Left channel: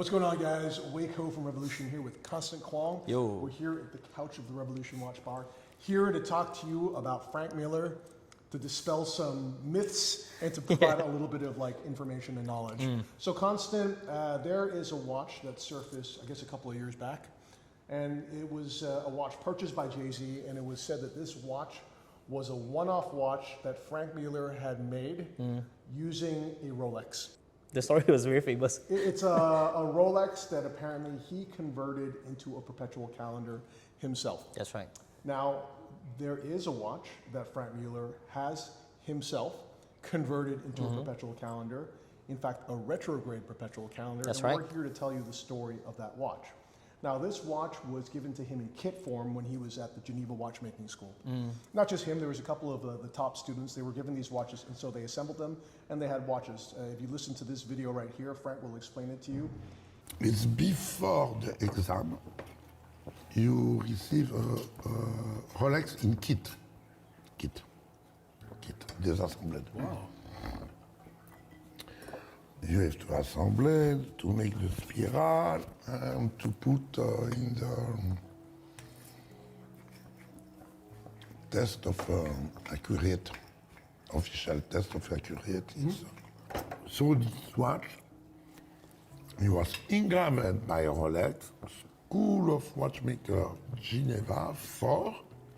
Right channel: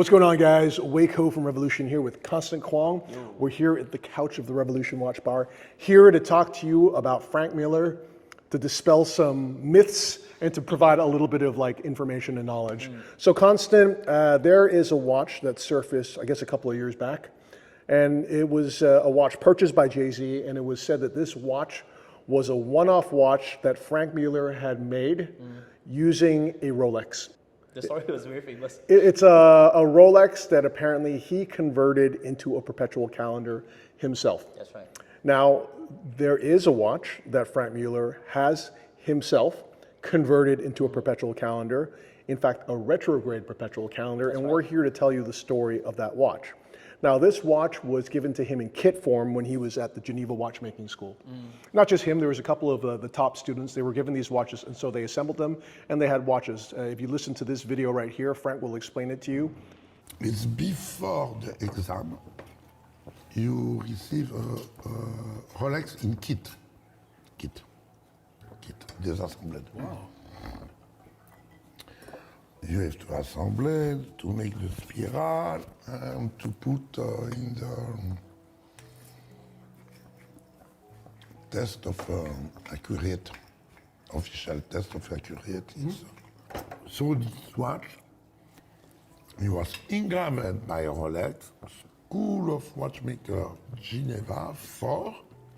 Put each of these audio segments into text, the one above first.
What's going on, guys? Waco from Revolution here with Constant Kwong. Yo. We're here at the couch of the Revolution Watch Bar, here to talk to you about Franck Muller, to dispel some myths and to provide a little bit of information and knowledge. So Constant, there is a watch that surfaced, I guess, a couple of years back, and it was a watch purchased by Jay-Z, and it was said that this watch was a one-off watch that Franck Muller had made using a Rolex. The story was very famous. It's a Rolex that apparently he converted into a perpetual calendar himself. That's right. Now, there is a watch that Franck Muller has himself converted into a perpetual calendar. In fact, a retrograde perpetual calendar. That's and right. We're here to tell you the story of that watch. Now, this watch was given to him in kit form when he was at the Geneva watchmaking school. Not just him, there was a couple of the top students. They were given these watches, and so they assembled them, and they had watches. If you listen to this video right here, Frank will explain it to you. It's before the exam. You receive a Rolex in kit. Désassembled. Wow. You have to assemble, to make the spiral, and to put in the test of accurate, official test of accurate. So this watch, it was engraved by Rolex, School of Watchmaker, Genève, for,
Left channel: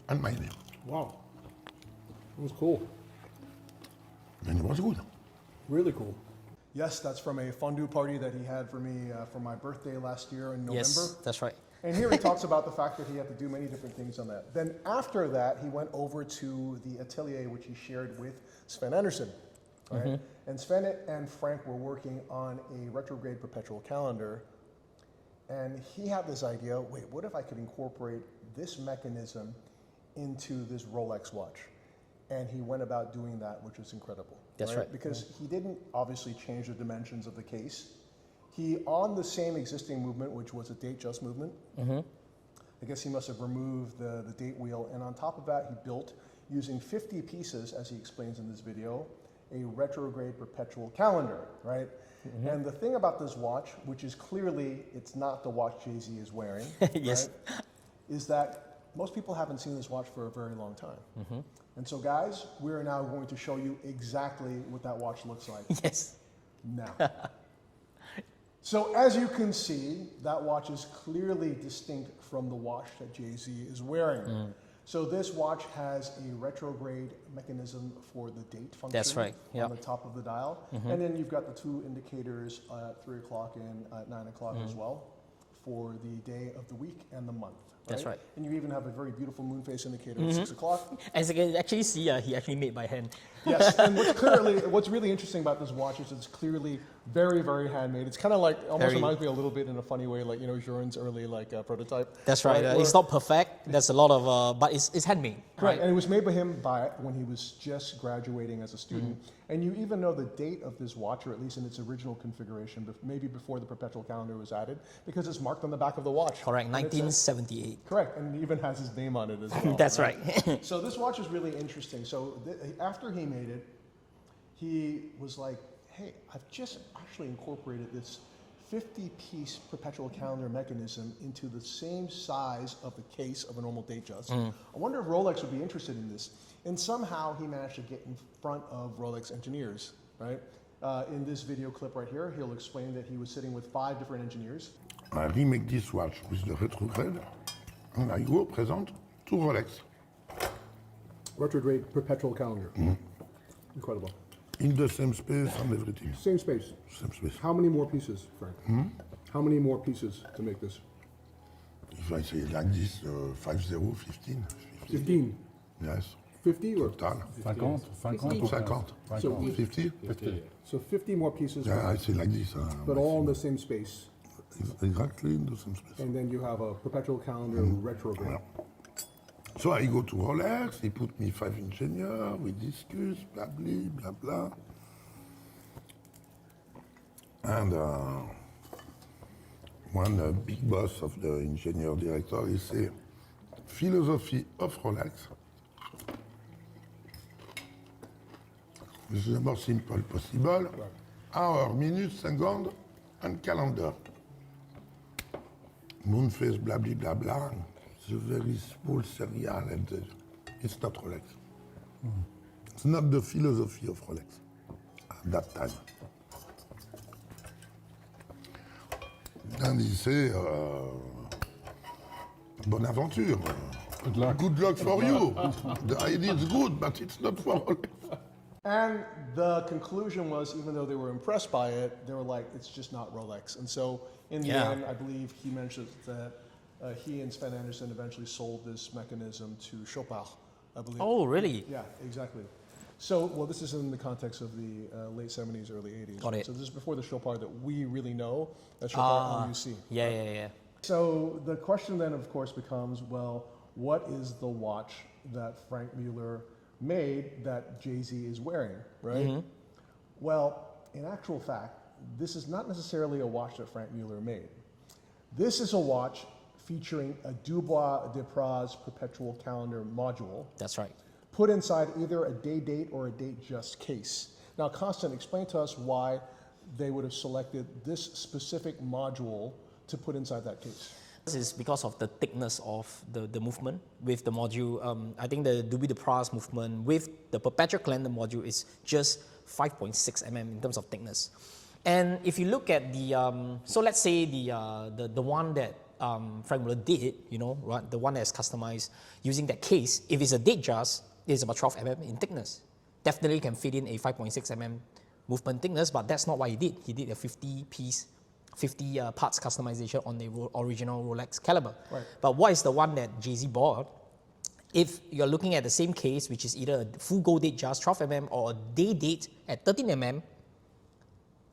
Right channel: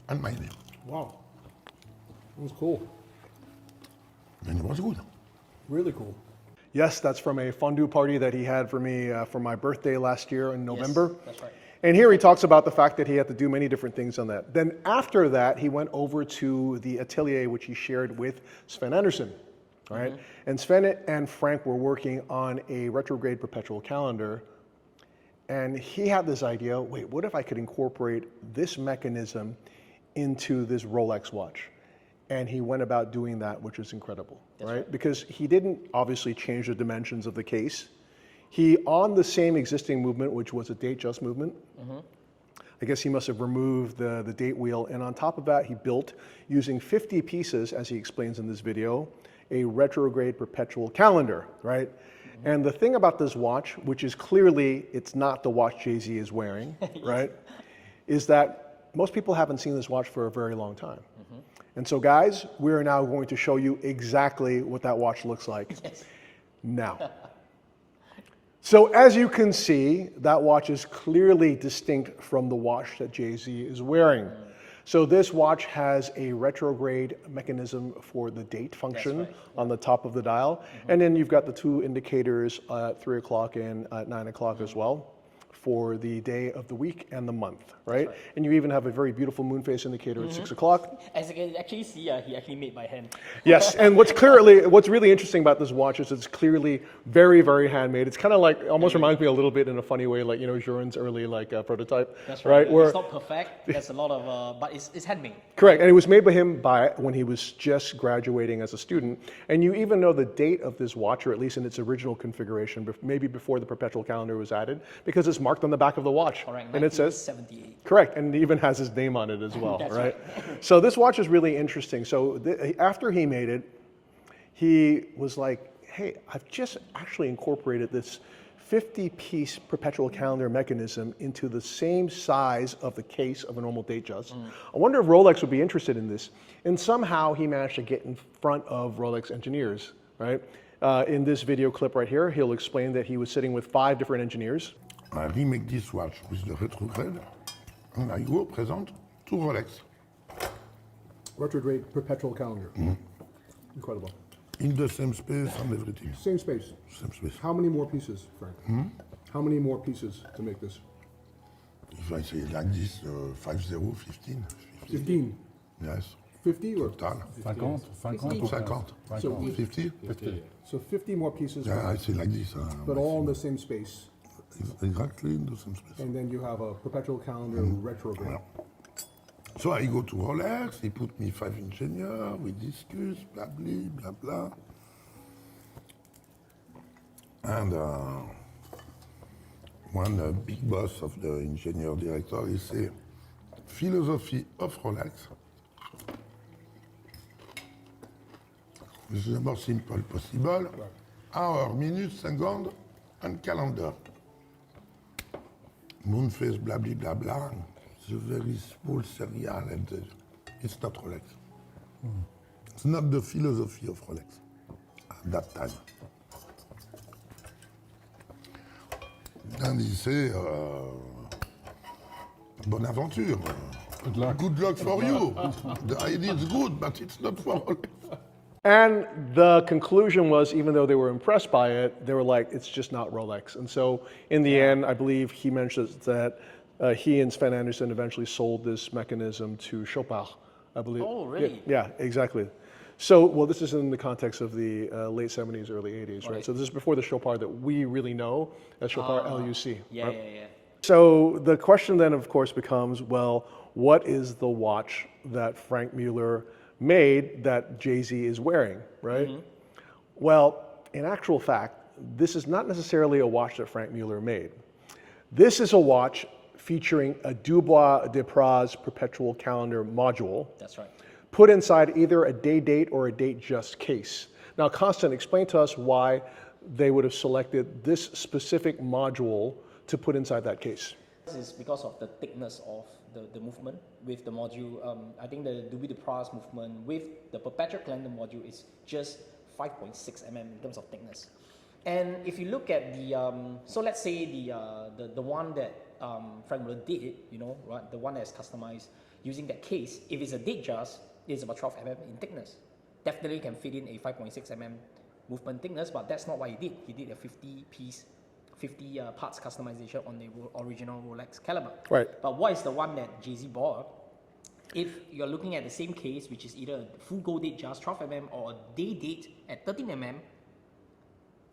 and my name. Wow. That was cool. And it was good. Really cool. Yes, that's from a fondue party that he had for me for my birthday last year in November. Yes, that's right. And here he talks about the fact that he had to do many different things on that. Then after that, he went over to the atelier, which he shared with Sven Anderson, right? And Sven and Frank were working on a retrograde perpetual calendar. And he had this idea, wait, what if I could incorporate this mechanism into this Rolex watch? And he went about doing that, which is incredible. That's right. Because he didn't obviously change the dimensions of the case. He, on the same existing movement, which was a date just movement, I guess he must have removed the date wheel. And on top of that, he built, using 50 pieces, as he explains in this video, a retrograde perpetual calendar, right? And the thing about this watch, which is clearly, it's not the watch Jay-Z is wearing, right? Is that most people haven't seen this watch for a very long time. And so guys, we are now going to show you exactly what that watch looks like now. So as you can see, that watch is clearly distinct from the watch that Jay-Z is wearing. So this watch has a retrograde mechanism for the date function on the top of the dial. And then you've got the two indicators at 3 o'clock and at 9 o'clock as well, for the day of the week and the month, right? And you even have a very beautiful moon phase indicator at 6 o'clock. As you can actually see, he actually made by hand. Yes, and what's really interesting about this watch is it's clearly very, very handmade. It's kind of like, almost reminds me a little bit in a funny way, like, Journe's early prototype. That's right. It's not perfect. There's a lot of, but it's handmade. Correct, and it was made by him when he was just graduating as a student. And you even know the date of this watch, or at least in its original configuration, maybe before the perpetual calendar was added, because it's marked on the back of the watch. Correct, and 1978. It says, correct, and it even has his name on it as well. That's right. So this watch is really interesting. So after he made it, he was like, hey, I've just actually incorporated this 50-piece perpetual calendar mechanism into the same size of the case of a normal date just. I wonder if Rolex would be interested in this. And somehow he managed to get in front of Rolex engineers, right? In this video clip right here, he'll explain that he was sitting with 5 different engineers. I remake this watch with the retrograde, and I go present to Rolex. Retrograde perpetual calendar. Incredible. In the same space and everything. Same space. Same space. How many more pieces, Frank? How many more pieces to make this? If I say like this, 50, 15. 15. Yes. 50 or? Total. 50. 50? So 50 more pieces, Yeah, I say like this. but all in the same space. Exactly in the same space. And then you have a perpetual calendar retrograde. So I go to Rolex, he put me 5 engineers, we discuss, blah, blah, blah, blah. And one big boss of the engineer director, he say, philosophy of Rolex. is the more simple possible. Hour, minute, second, and calendar. Moonface, blah, blah, blah, blah. It's a very small serial, and it's not Rolex. It's not the philosophy of Rolex at that time. And he say, bonne aventure. Good luck. Good luck for you. The idea is good, but it's not for Rolex. And the conclusion was, even though they were impressed by it, they were like, it's just not Rolex. And so in the end, I believe he mentioned that he and Sven Anderson eventually sold this mechanism to Chopard, I believe. Oh, really? Yeah, exactly. So, well, this is in the context of the late 70s, early 80s, right? it. So this is before the Chopard that we really know as Chopard LUC. Yeah, right? yeah, yeah. So the question then, of course, becomes, well, what is the watch that Franck Muller made that Jay-Z is wearing, right? Well, in actual fact, this is not necessarily a watch that Franck Muller made. This is a watch featuring a Dubois de Praz Perpetual calendar module That's right. put inside either a day date or a date just case. Now, Constant, explain to us why they would have selected this specific module to put inside that case. This is because of the thickness of the movement with the module. I think the Dubois de Praz movement with the Perpetual calendar module is just 5.6 mm in terms of thickness. And if you look at the, so let's say the one that Franck Muller did, you know, right, the one that's customized using that case, if it's a date just, it's about 12 mm in thickness. Definitely can fit in a 5.6 mm movement thickness, but that's not what he did. He did a 50 parts customization on the original Rolex caliber. Right. But what is the one that Jay-Z bought? If you're looking at the same case, which is either a full gold date just 12 mm or a day date at 13 mm,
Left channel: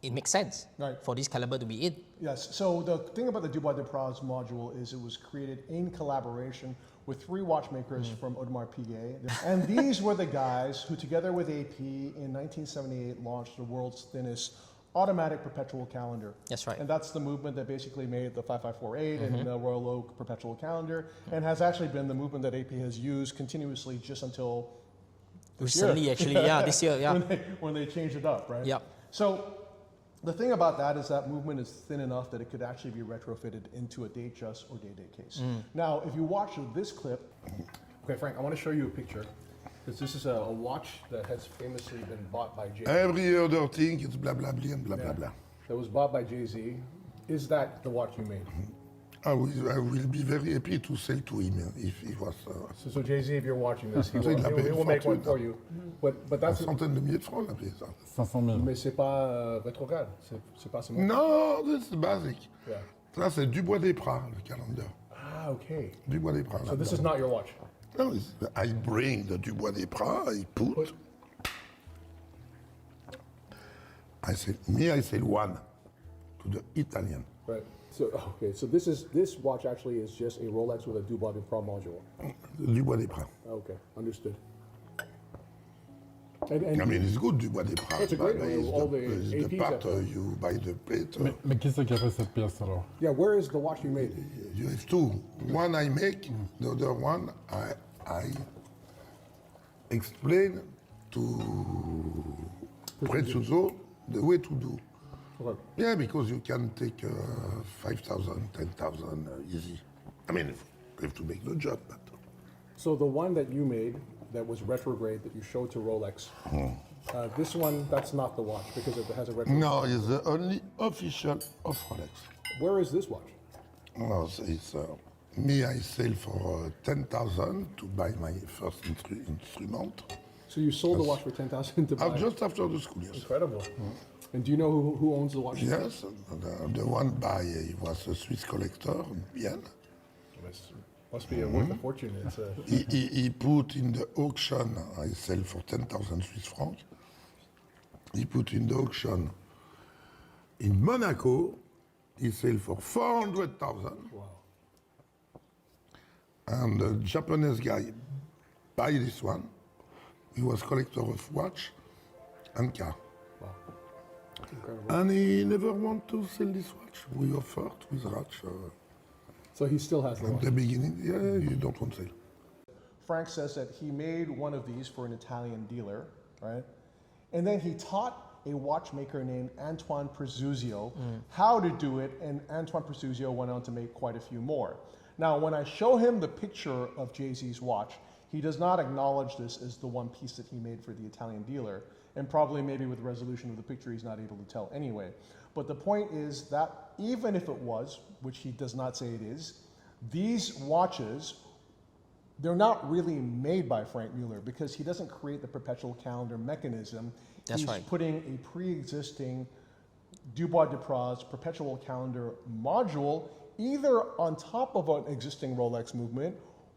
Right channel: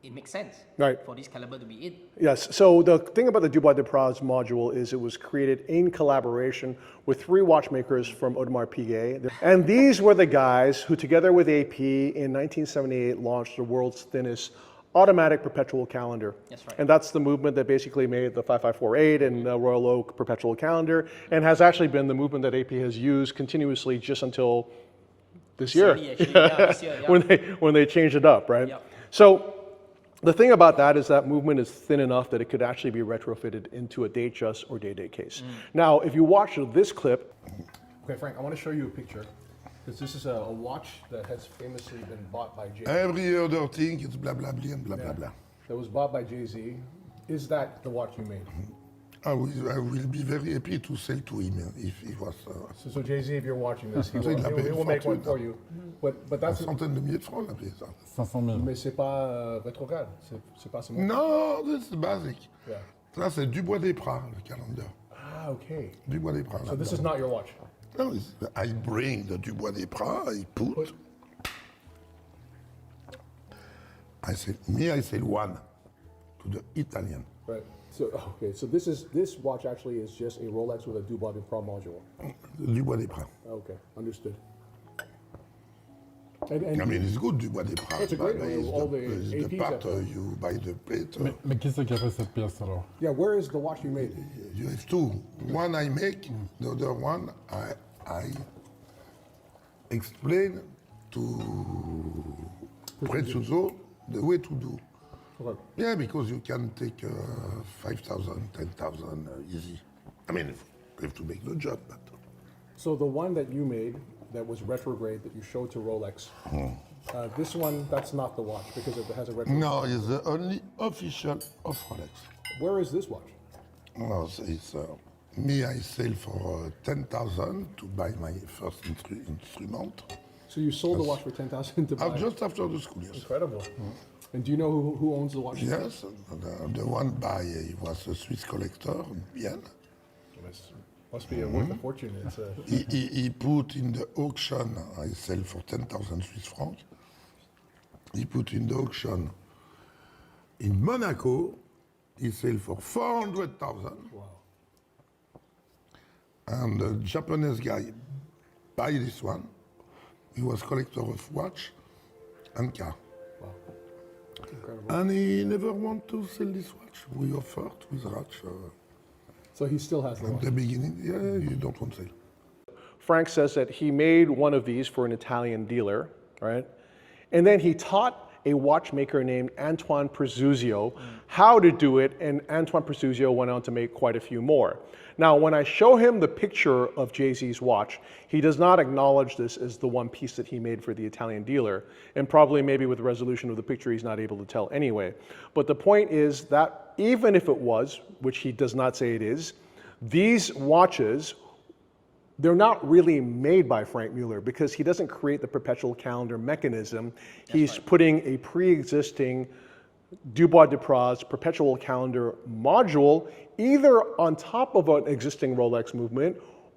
it makes sense for this caliber to be in. Yes, so the thing about the Dubois de Praz module is it was created in collaboration with 3 watchmakers from Audemars Piguet. And these were the guys who, together with AP, in 1978 launched the world's thinnest automatic perpetual calendar. That's right. And that's the movement that basically made the 5548 and the Royal Oak perpetual calendar, and has actually been the movement that AP has used continuously just until this year. Recently, actually, yeah, this year, yeah. when they changed it up, right? Yeah. So the thing about that is that movement is thin enough that it could actually be retrofitted into a date just or day date case. Now, if you watch this clip, okay, Frank, I want to show you a picture because this is a watch that has famously been bought by Jay-Z. Every other thing is blah, blah, blah, and blah, blah, blah. That was bought by Jay-Z. Is that the watch you made? I will be very happy to sell to him if he was... So Jay-Z, if you're watching this, he Il l'a payé will make one fortune, for you. But that's... centaine de milliers de francs, on a payé ça. 500 000. Mais c'est pas rétrograde. C'est pas ce mot. Non, c'est basique. Yeah. Ça, c'est Dubois des Praz, le calendar. Ah, okay. Dubois des Praz. So this is not your watch. No, I bring the Dubois des Praz, I put. I sell one to the Italian. Right. So okay. So this watch actually is just a Rolex with a Dubois de Praz module. Dubois des Praz. Okay, understood. I mean, it's good, Dubois des Praz. It's a great but one. it's All the, the it's the APs part have- you buy the plate. Mais qui c'est qui a fait cette pièce alors? Yeah, where is the watch you made? You have two. One I make, the other one I explain to Perpetual the way to do. Okay. Yeah, because you can take 5,000, 10,000 easy. I mean, you have to make the job, but So the one that you made that was retrograde that you showed to Rolex, this one, that's not the watch because it has a retrograde. no, it's the only official of Rolex. Where is this watch? No, so it's me. I sell for 10,000 to buy my first instrument. So you sold the watch for 10,000 to buy. Just after the school, yes. Incredible. And do you know who owns the watch? Yes, the one by he was a Swiss collector, Bien. Must be worth a fortune. It's a, He put in the auction, I sell for 10,000 Swiss francs. He put in the auction in Monaco, he sell for 400,000. wow. And the Japanese guy buy this one. He was collector of watch and car. Wow. Incredible. And he never want to sell this watch. We offered with watch So he still has the at watch. the beginning. Yeah, you don't want to sell. Frank says that he made one of these for an Italian dealer, right? And then he taught a watchmaker named Antoine Prezuzio how to do it, and Antoine Prezuzio went on to make quite a few more. Now, when I show him the picture of Jay-Z's watch, he does not acknowledge this as the one piece that he made for the Italian dealer, and probably maybe with the resolution of the picture, he's not able to tell anyway. But the point is that even if it was, which he does not say it is, these watches, they're not really made by Franck Muller because he doesn't create the perpetual calendar mechanism. He's putting a pre-existing Dubois de Praz perpetual calendar module either on top of an existing Rolex movement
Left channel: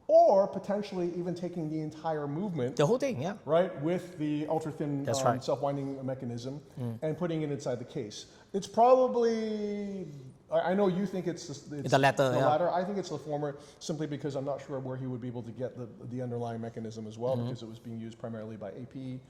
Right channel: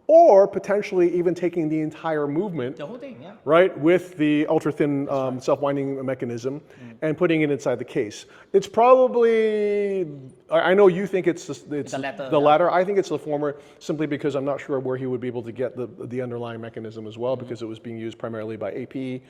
or potentially even taking the entire movement. The whole thing, yeah. Right, with the ultra-thin right. self-winding mechanism and putting it inside the case. It's probably, I know you think it's the latter. The latter. I think it's the former, simply because I'm not sure where he would be able to get the underlying mechanism as well, because it was being used primarily by AP,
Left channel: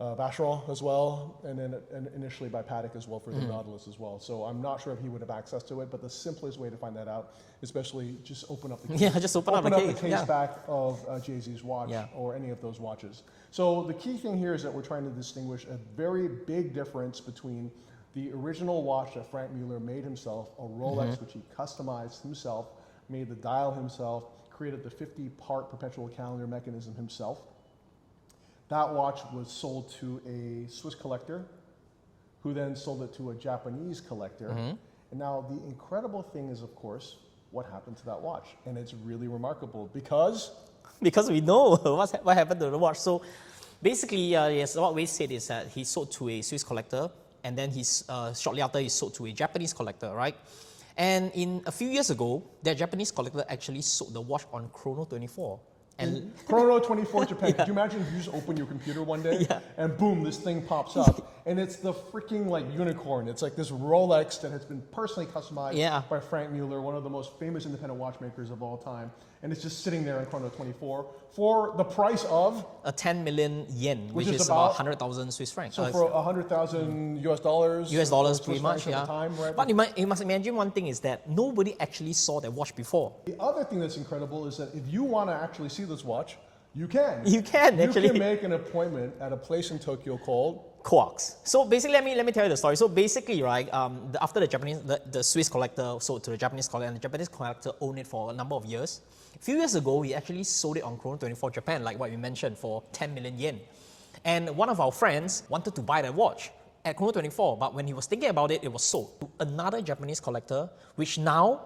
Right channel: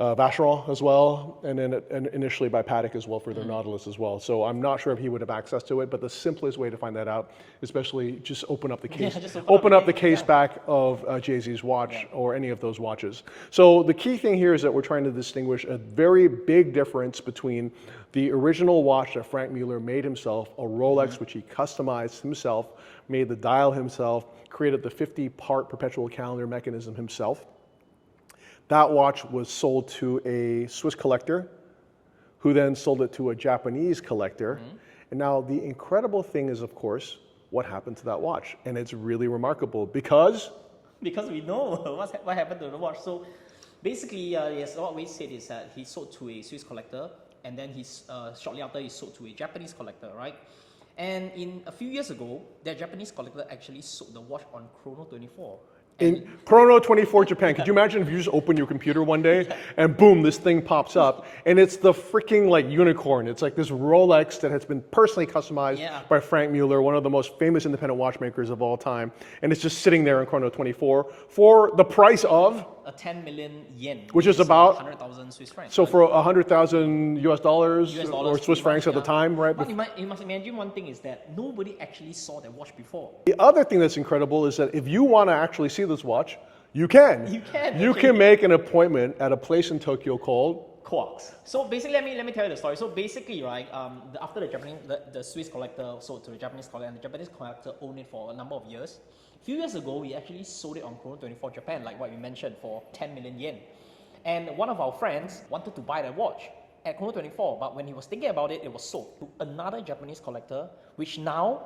Vacheron as well, and then initially by Patek as well for the Nautilus as well. So I'm not sure if he would have access to it, but the simplest way to find that out is especially just open up the case. Yeah, just open up the case back of Jay-Z's watch or any of those watches. So the key thing here is that we're trying to distinguish a very big difference between the original watch that Franck Muller made himself, a Rolex which he customized himself, made the dial himself, created the 50-part perpetual calendar mechanism himself. That watch was sold to a Swiss collector, who then sold it to a Japanese collector. And now the incredible thing is, of course, what happened to that watch. And it's really remarkable because we know what happened to the watch. So basically, yes, what we said is that he sold to a Swiss collector, and then shortly after he sold to a Japanese collector, right? And in a few years ago, that Japanese collector actually sold the watch on Chrono 24. In Chrono 24 Japan, could you imagine if you just open your computer one day and boom, this thing pops up and it's the freaking like unicorn. It's like this Rolex that has been personally customized by Franck Muller, one of the most famous independent watchmakers of all time. And it's just sitting there in Chrono 24 for the price of? 10 million yen, which is about 100,000 Swiss francs. So for 100,000 US dollars or Swiss francs at the time, right? But you must imagine one thing is that nobody actually saw that watch before. The other thing that's incredible is that if you want to actually see this watch, you can. You can. You can make an appointment at a place in Tokyo called Quarks. So basically, let me tell you the story. So basically, right, after the Swiss collector sold to the Japanese collector, and the Japanese collector owned it for a number of years. A few years ago, we actually sold it on Chrono 24 Japan, like what we mentioned, for 10 million yen. And one of our friends wanted to buy that watch at Chrono 24, but when he was thinking about it, it was sold to another Japanese collector, which now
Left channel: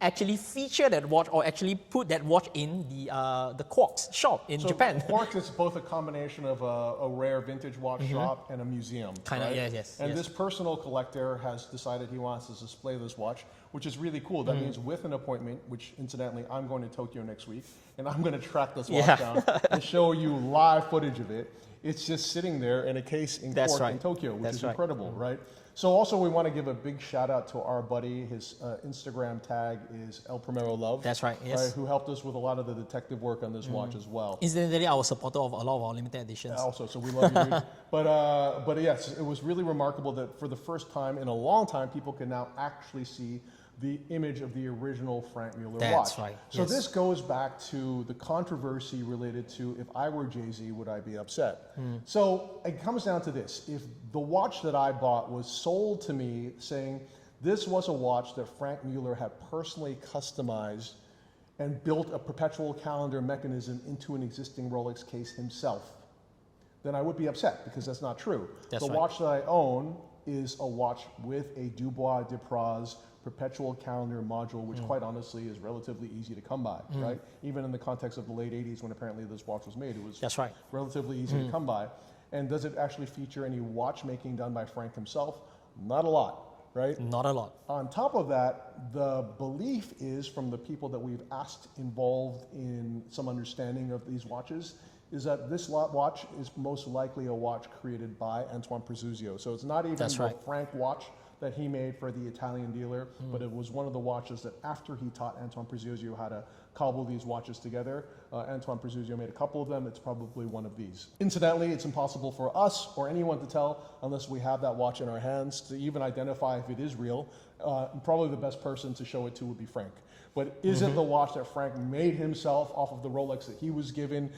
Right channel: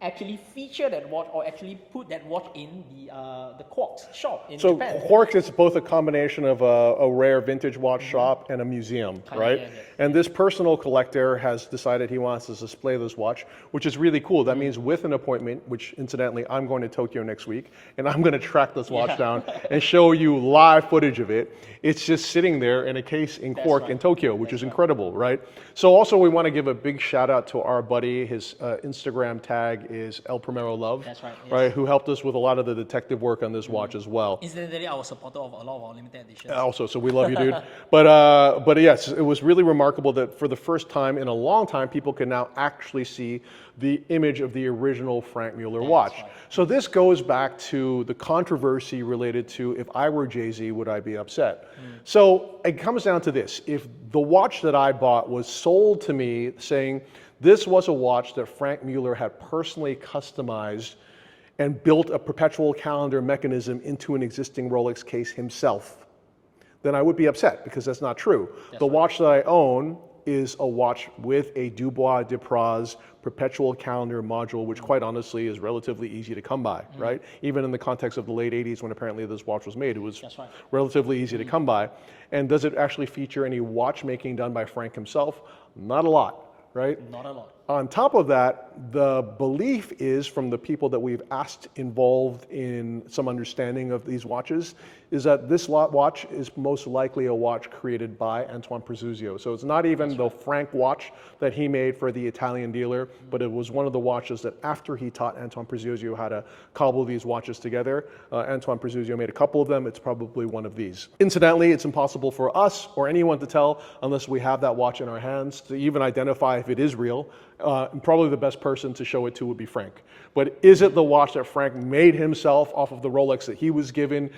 actually feature that watch, or actually put that watch in the Quarks shop in Japan. So Quarks is both a combination of a rare vintage watch shop and a museum, right? And this personal collector has decided he wants to display this watch, which is really cool. That means with an appointment, which incidentally, I'm going to Tokyo next week, and I'm going to track this watch down and show you live footage of it. It's just sitting there in a case in Quark in Tokyo, which is incredible, right? So also we want to give a big shout out to our buddy. His Instagram tag is El Primero Love. That's right, yes. Right, who helped us with a lot of the detective work on this watch as well. Incidentally, our supporter of a lot of our limited editions. Also, so we love you, dude. But yes, it was really remarkable that for the first time in a long time, people can now actually see the image of the original Franck Muller watch. Right. So this goes back to the controversy related to, if I were Jay-Z, would I be upset? So it comes down to this. If the watch that I bought was sold to me saying this was a watch that Franck Muller had personally customized and built a perpetual calendar mechanism into an existing Rolex case himself, then I would be upset because that's not true. The watch that I own is a watch with a Dubois de Praz perpetual calendar module, which quite honestly is relatively easy to come by, right? Even in the context of the late 80s when apparently this watch was made, it was relatively easy to come by. And does it actually feature any watchmaking done by Franck himself? Not a lot, right? Not a lot. On top of that, the belief is from the people that we've asked involved in some understanding of these watches is that this watch is most likely a watch created by Antoine Prezuzio. So it's not even the Franck watch that he made for the Italian dealer, but it was one of the watches that after he taught Antoine Prezuzio how to cobble these watches together, Antoine Prezuzio made a couple of them. It's probably one of these. Incidentally, it's impossible for us or anyone to tell unless we have that watch in our hands to even identify if it is real. And probably the best person to show it to would be Franck. But is it the watch that Franck made himself off of the Rolex that he was given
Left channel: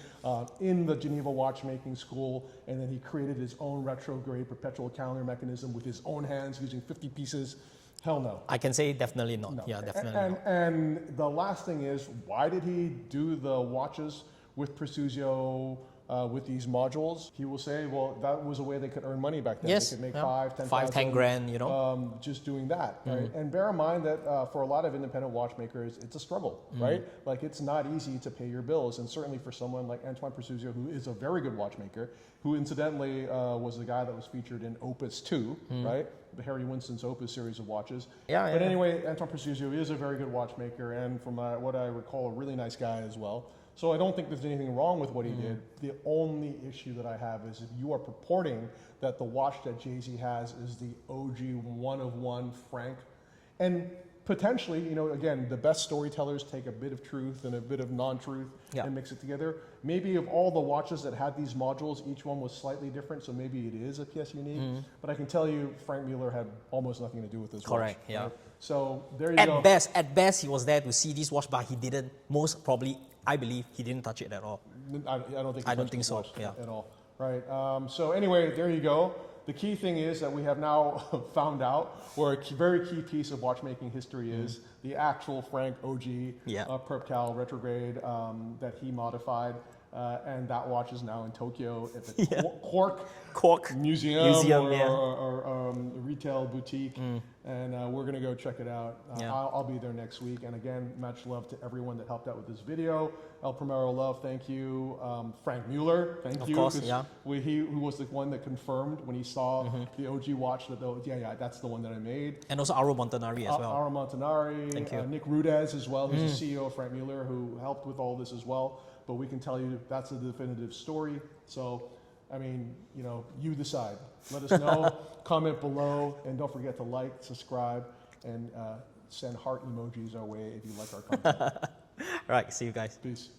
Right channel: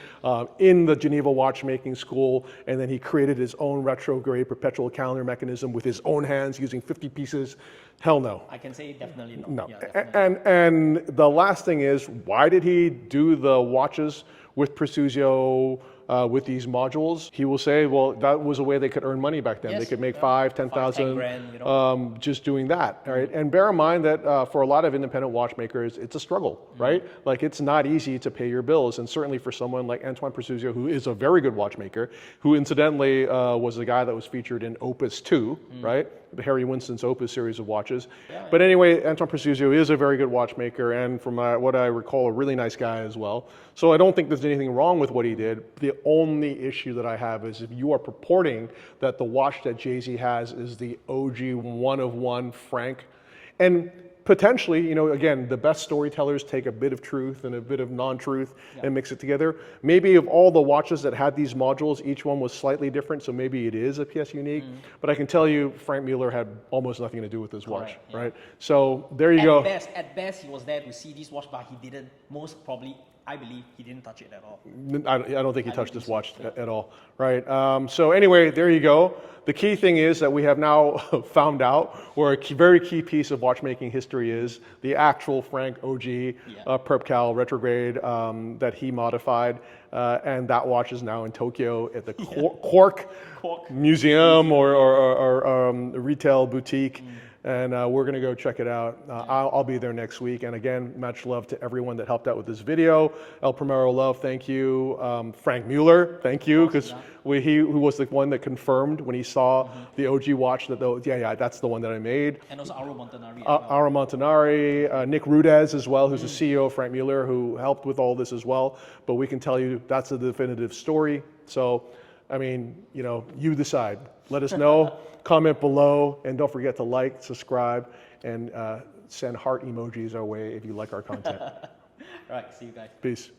in the Geneva watchmaking school, and then he created his own retrograde perpetual calendar mechanism with his own hands using 50 pieces? Hell no. I can say definitely not. No. Yeah, definitely. And the last thing is, why did he do the watches with Presuzio with these modules? He will say, well, that was a way they could earn money back then. Yes, They could make yeah. 5, 10,000, 10 grand, you know. just doing that, right? And bear in mind that for a lot of independent watchmakers, it's a struggle, right? Like it's not easy to pay your bills, and certainly for someone like Antoine Presuzio, who is a very good watchmaker, who incidentally was the guy that was featured in Opus 2, right? The Harry Winston's Opus series of watches. Yeah, But anyway, Antoine Presuzio is a very good watchmaker, and from what I recall, a really nice guy as well. So I don't think there's anything wrong with what he did. The only issue that I have is if you are purporting that the watch that Jay-Z has is the OG one-of-one Franck, and potentially, you know, again, the best storytellers take a bit of truth and a bit of non-truth and mix it together. Maybe of all the watches that had these modules, each one was slightly different, so maybe it is a PS unique. But I can tell you, Franck Muller had almost nothing to do with this watch, Correct, yeah. right? So there you go. At best, he was there to see this watch, but he didn't. Most probably, I believe, he didn't touch it at all. I don't think he I don't touched think this so, watch yeah. at all, right? So anyway, there you go. The key thing is that we have now found out where a very key piece of watchmaking history is the actual Franck OG Yeah. Perpetual retrograde that he modified, and that watch is now in Tokyo at the Cork Museum or retail boutique, and we're gonna go check it out. I'll be there next week, and again, much love to everyone that helped out with this video. El Primero Love, thank you. Franck Muller, thank you, course, because yeah. he who was the one that confirmed when he saw the OG watch that that's the one that I made. And also Auro Montanari as well. Aura Montanari, Nick Rudez as well, who's the CEO of Franck Muller, who helped with all this as well. But we can tell you that's a definitive story. So, I mean, you know, you decide. Let us know, comment below, and don't forget to like, subscribe, and send heart emojis our way if you like our content. All right, see you guys. Peace.